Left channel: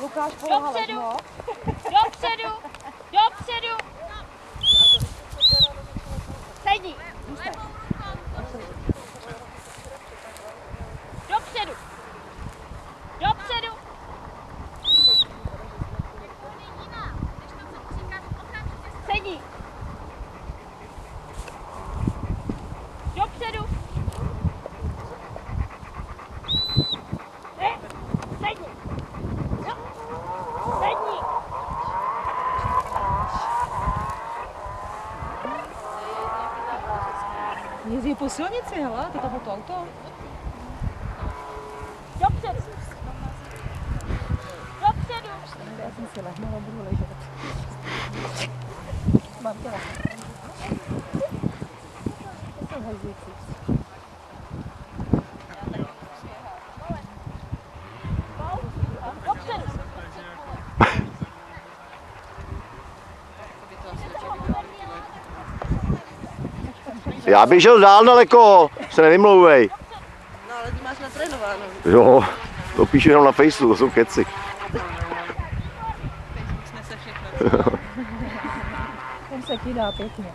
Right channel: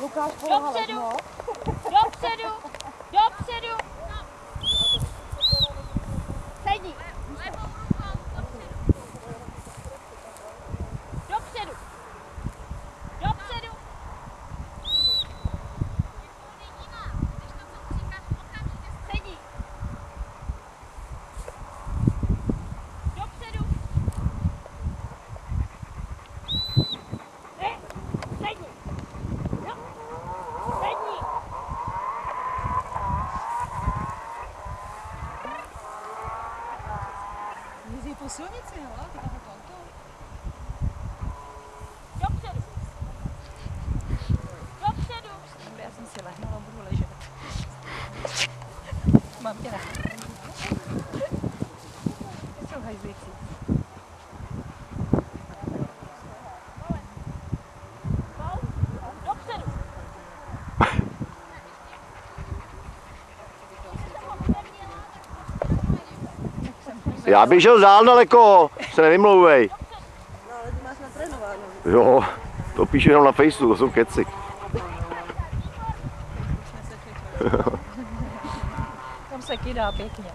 Lukáš pomáhal. Dopředu! Dopředu! Sedni! Dopředu! Dopředu! Sedni! Dopředu! Sedni! Sedni! Jezdí po silnici, hele, to tam to auto. Dopředu! Dopředu! Já jsem si lehnula, budu ležet. Mám tě to jsou hajzlíci. Dopředu! Já bych šel dál daleko, se nevymlouvej. No ale ty máš natrénováno. Jo, to píšu jenom na Faceu, to jsou keci. Facebook snese všechno. Tam se kydá pěkně.